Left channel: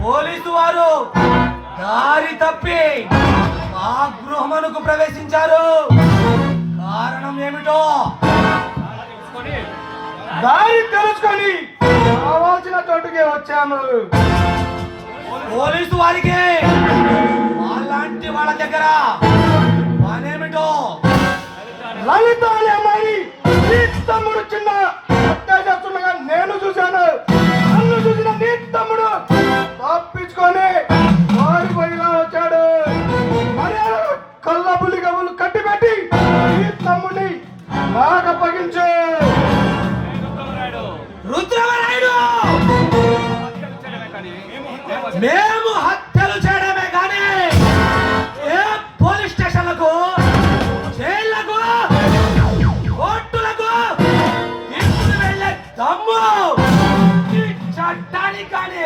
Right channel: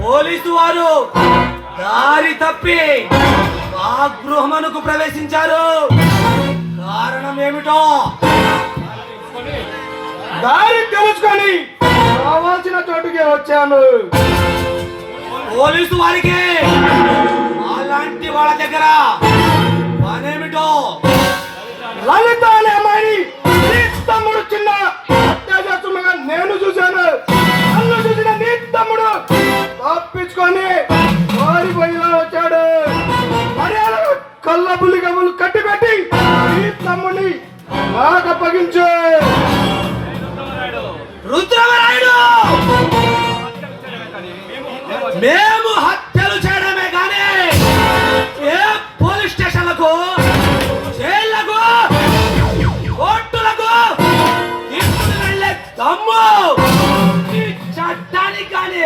Police వారు దారి తప్పి మా గృహమునకు ప్రవేశించారు. కారణం ఏమిటో దారి తెలుసుకొని కావాల్సిన చోటుకే వచ్చాను. పోలీసు వారికి అలాంటి వాళ్ళ దగ్గర పనేమిటో? లలిత అనే అమ్మాయిని నీ తమ్ముడు చిన్న అత్యాచారంగా నేను చూశాను. నన్ను చూసిన నీ తమ్ముడు తప్పించుకొని పారిపోయిలా వచ్చాడు. మర్యాద కళ్ళ పులి కబులు కట్టిపెట్టి నీ తమ్ముడిని నాకు అప్పగించు. రుద్రమరాయుడు, మేము హత్యలు చేయడమే కానీ ఏ పోలీస్ స్టేషన్లకు, జైళ్లకు, కోర్టులకు తీసుకుని వెళ్ళే దమ్ము ఈ చట్టానికి కానీ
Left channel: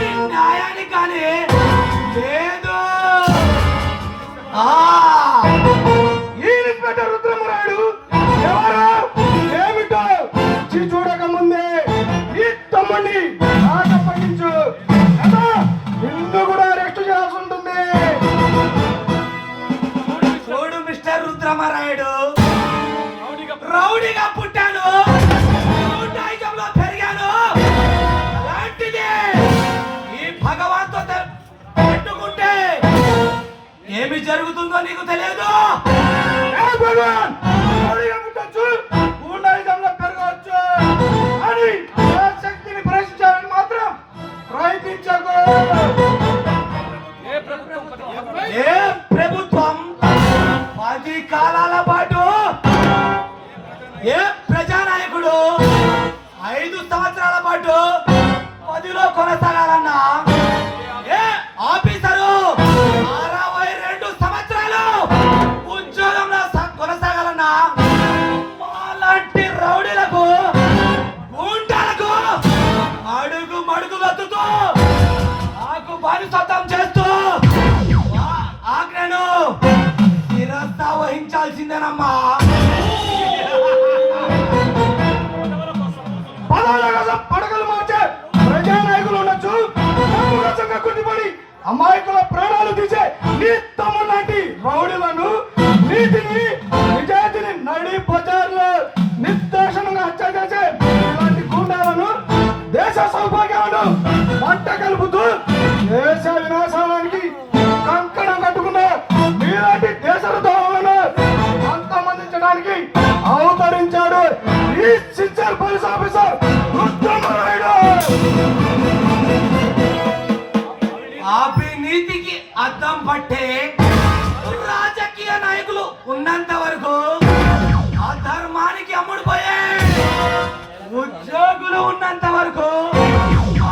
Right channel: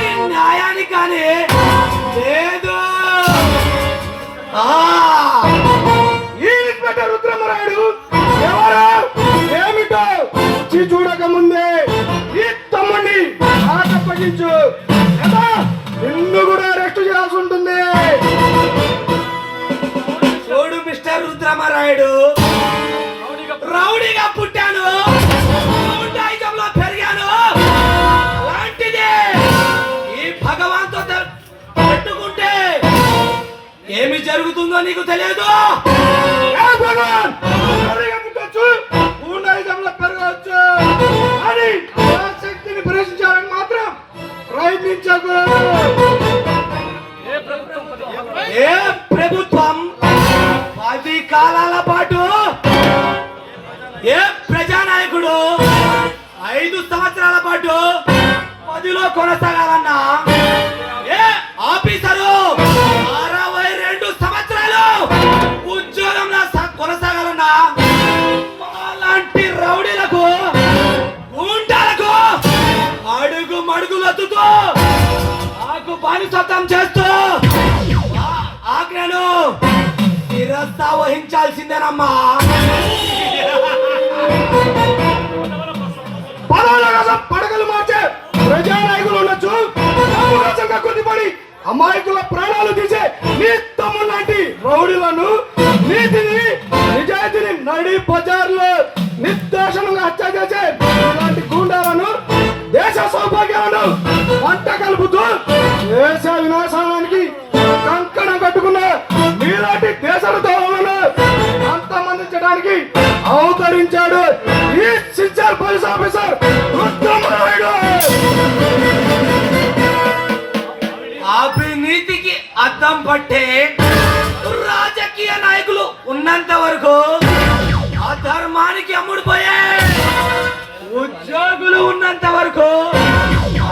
ఈ న్యాయానికి కానీ లేదు. ఈ ఇన్స్పెక్టర్ రుద్రమరాయుడు ఎవరు ఏమిటో చూడక ముందే ఈ తమ్ముడిని నాకు అప్పగించు. నిన్ను కూడా అరెస్ట్ చేయాల్సి ఉంటుంది. చూడు మిస్టర్ రుద్రమరాయుడు, రౌడీగా పుట్టాను, రౌడీజంలో పెరిగాను. అలాంటిది ఈ భగవాన్తో పెట్టుకుంటే ఏమి జరుగుతుందో నీకు తెలియదు. ఏ భగవాన్, రౌడీగా పుట్టొచ్చు, గూండాయిజంలో పెరగవచ్చు, కానీ నా శక్తిని ప్రశ్నించాలని మాత్రం ప్రయత్నించకు. ఏ ప్రభుత్వం 10 కాలాల పాటు, ఏ ప్రజానాయకుడు 5 సంవత్సరాల పాటు పదిలో కొనసాగాలన్నా, ఏ ఆఫీసరు 62 సంవత్సరాలు ఉద్యోగంలో కొనసాగాలన్నా, అలాంటి రౌడీలకు, గుండాలకు అడుగు మడుగులొత్తుతూ నాకు బానిసత్వం చేస్తూ ఆజ్ఞను శిరస్తా వహించాల్సిందేనమ్మా. పదవుల కోసం పడగలు మార్చే ప్రజానాయకులు ఉండొచ్చు, డబ్బు కోసంగా కొద్దిపడి అమాయకుల ప్రాణాలు తీసే నీ తమ్ముడు లాంటి రౌడీలను, నీతిని నిజాయితీని నడి బజార్లో నిర్దోషంగా హత్య చేసే ఇలాంటి గూండాలను, దేశ సౌభాగ్యాలను మంట కలుపుతూ దేశ వినాశానికి కంకణం కట్టుకున్న నీలాంటి దేశద్రోహులను అంతమందించడానికి అవతరించాడు ఈ సిన్సియర్ పోలీస్ ఆఫీసర్ రుద్రమరాయుడు. అవినీతికి అద్దం పట్టే రాజకీయ నాయకులు ఉన్నంత వరకు అధర్మానికి అమ్ముడుపోయే ఉద్యోగులు ఉన్నంత వరకు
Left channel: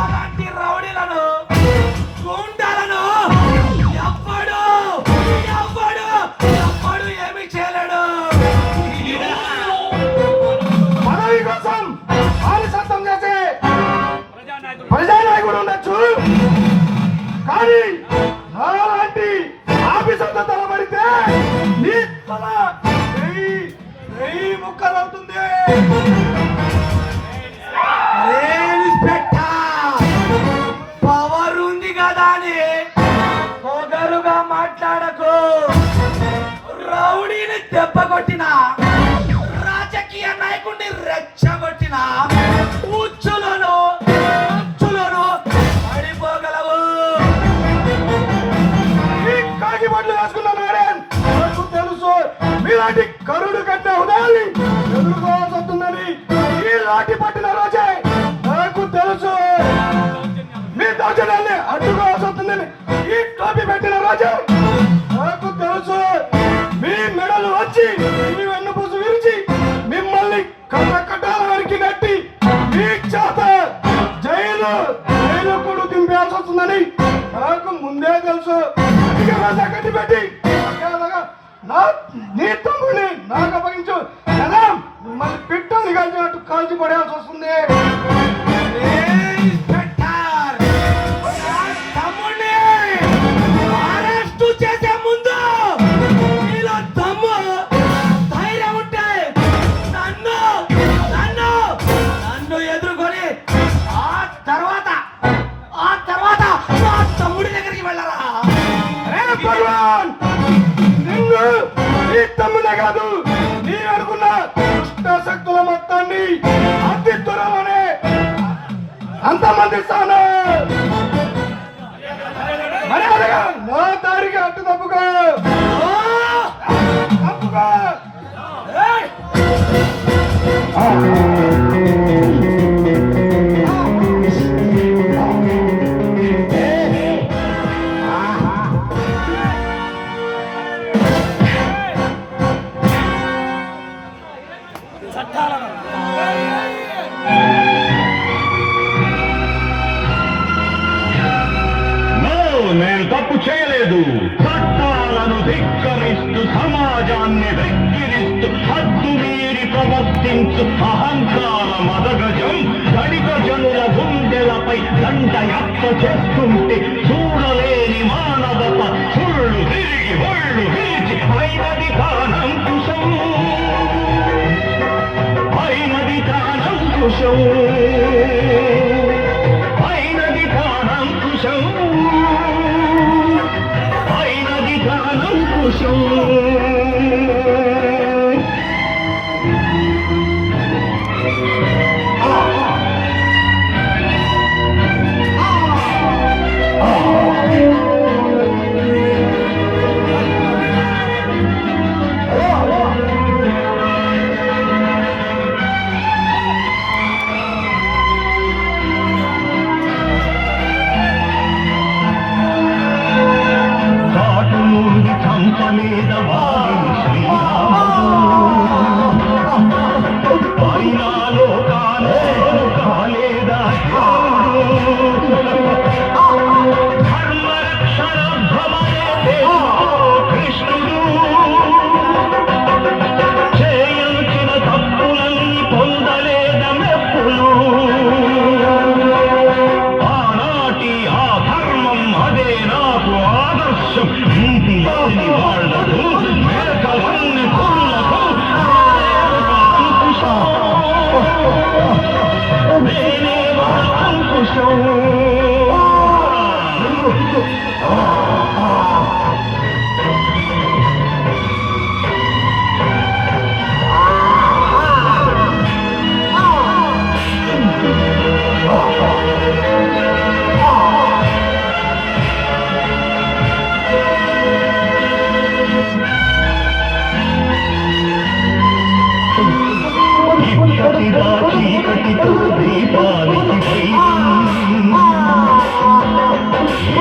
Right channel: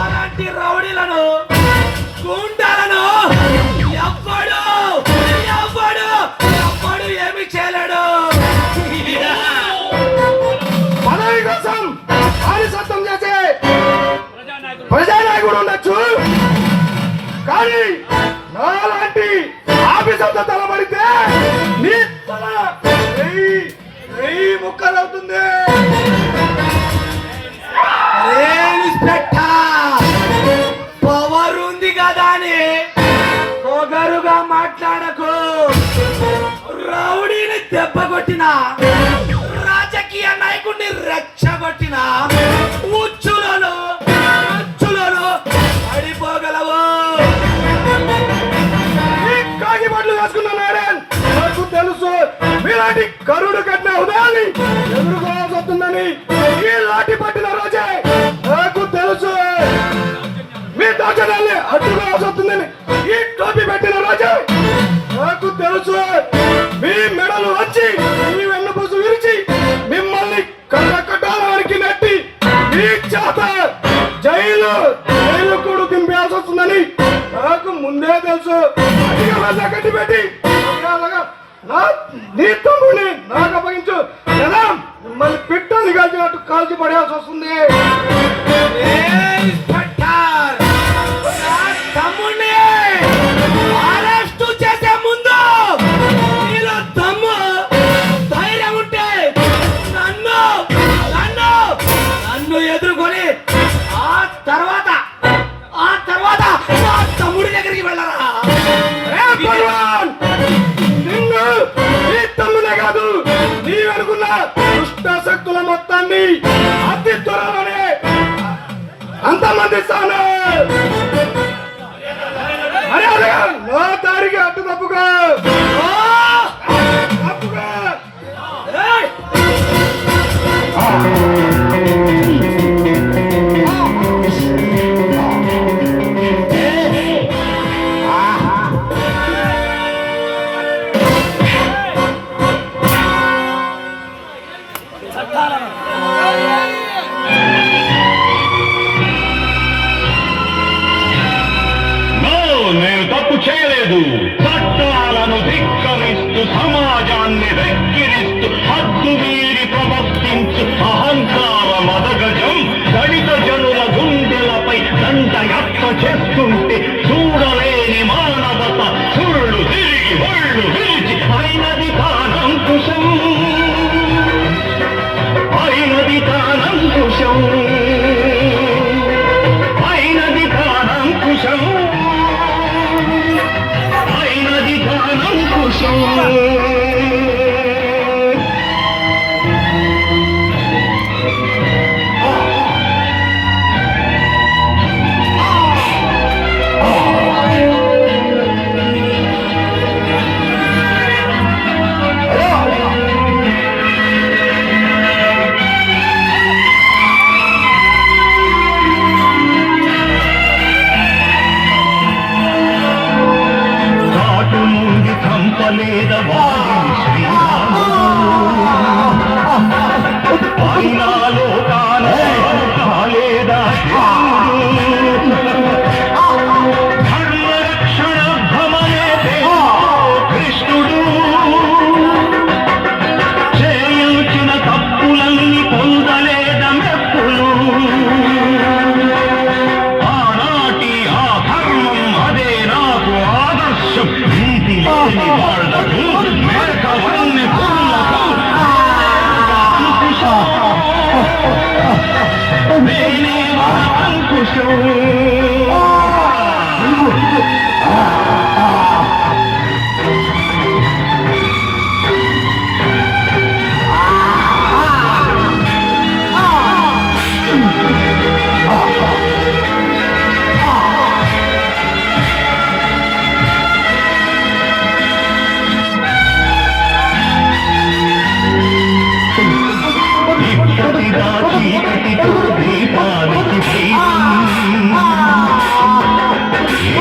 అలాంటి రౌడీలను, గుండాలను ఎవ్వడు ఏమి చేయలేడు. పదవి కోసం బానిసత్వం చేసే ప్రజానాయకుడు ఉండొచ్చు, కానీ నాలాంటి ఆఫీసర్తో తలబడితే నీ తల ముక్కలవుతుంది. పవర్ ఉంది కదా అని పొగరుగా మాట్లాడకు. రౌడీని దెబ్బ కొట్టిన, రాజకీయ నాయకుడిని రెచ్చగొట్టిన ఉచ్చులను పడిపోగలవు. ఈ కాకి బట్టలు వేసుకున్న మేడం నాకు తెలుసు, మీలాంటి కరుడు కట్టిన ఉదయాన్ని ఎదుర్కోవాల్సి వస్తుందని. ఈ లాఠీ పట్టిన రోజే నాకు తెలుసు, మీ దౌర్జన్యాన్ని అడ్డుకోవాల్సి వస్తుందని. ఈ టోపీ పెట్టిన రోజే నాకు తెలుసు, మీ మెడలు వచ్చి మీ వెన్నుపూసు విరిచి మిమ్మల్ని కట్టకట్టాల వరకు నెట్టి మీ చేత జైలు కూడా దింపాల్సి వస్తుందని నాకు ముందే తెలుసు. కట్టి పెట్టి నీ తమ్ముడిని నాకు అప్పగించు, మిమ్మల్ని పిట్టని కాల్చినట్టు కాల్చి పడేయాల్సి వస్తుంది. చేసే ముందు ధైర్యం ఉంటే నన్ను ఎదుర్కొని ఆ తర్వాత మొత్తాన్ని అతి త్వరలోనే అంతమందిస్తాను. మర్యాదగా నా దారికి అడ్డు తప్పుగా తప్పుగా. నేను తప్పు చేయలేదు. చట్టాలను ధిక్కరిస్తూ సమాజాన్ని వెక్కిరిస్తూ హద్దు మీరి ప్రవర్తించు అహంకార మదగజం దళిత జనుల గుండెలపై దండయాత్ర చేస్తుంటే చూడలేని మానవత సుళ్ళు తిరిగి ఒళ్ళు విరిచి అయినది తానంకుశం, అయినది తానంకుశం, అయినది తానంకుశం, అయినది తానంకుశం.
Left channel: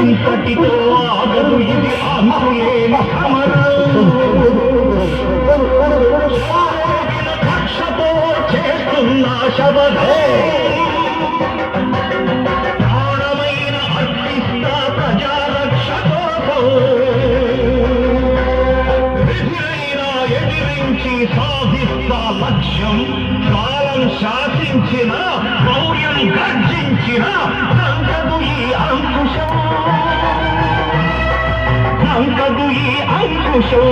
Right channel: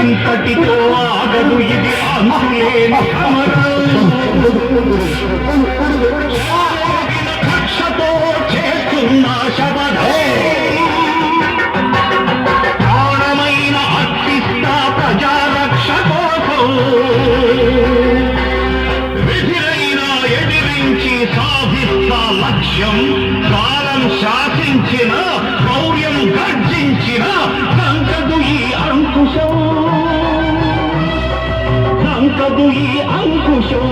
ఇంతటితో ఆగదు ఇది అంతులేని కక్షతో చేస్తున్న శబదే ప్రాణమైన అర్పిస్తా ప్రజారక్ష కోసం విధినైనా ఎదిరించి సాధిస్తా లక్ష్యం కాలం శాసించిన గౌర్యం గర్జించిన నంకదు ఈ అంకుశం, నంకదు ఈ అంకుశం.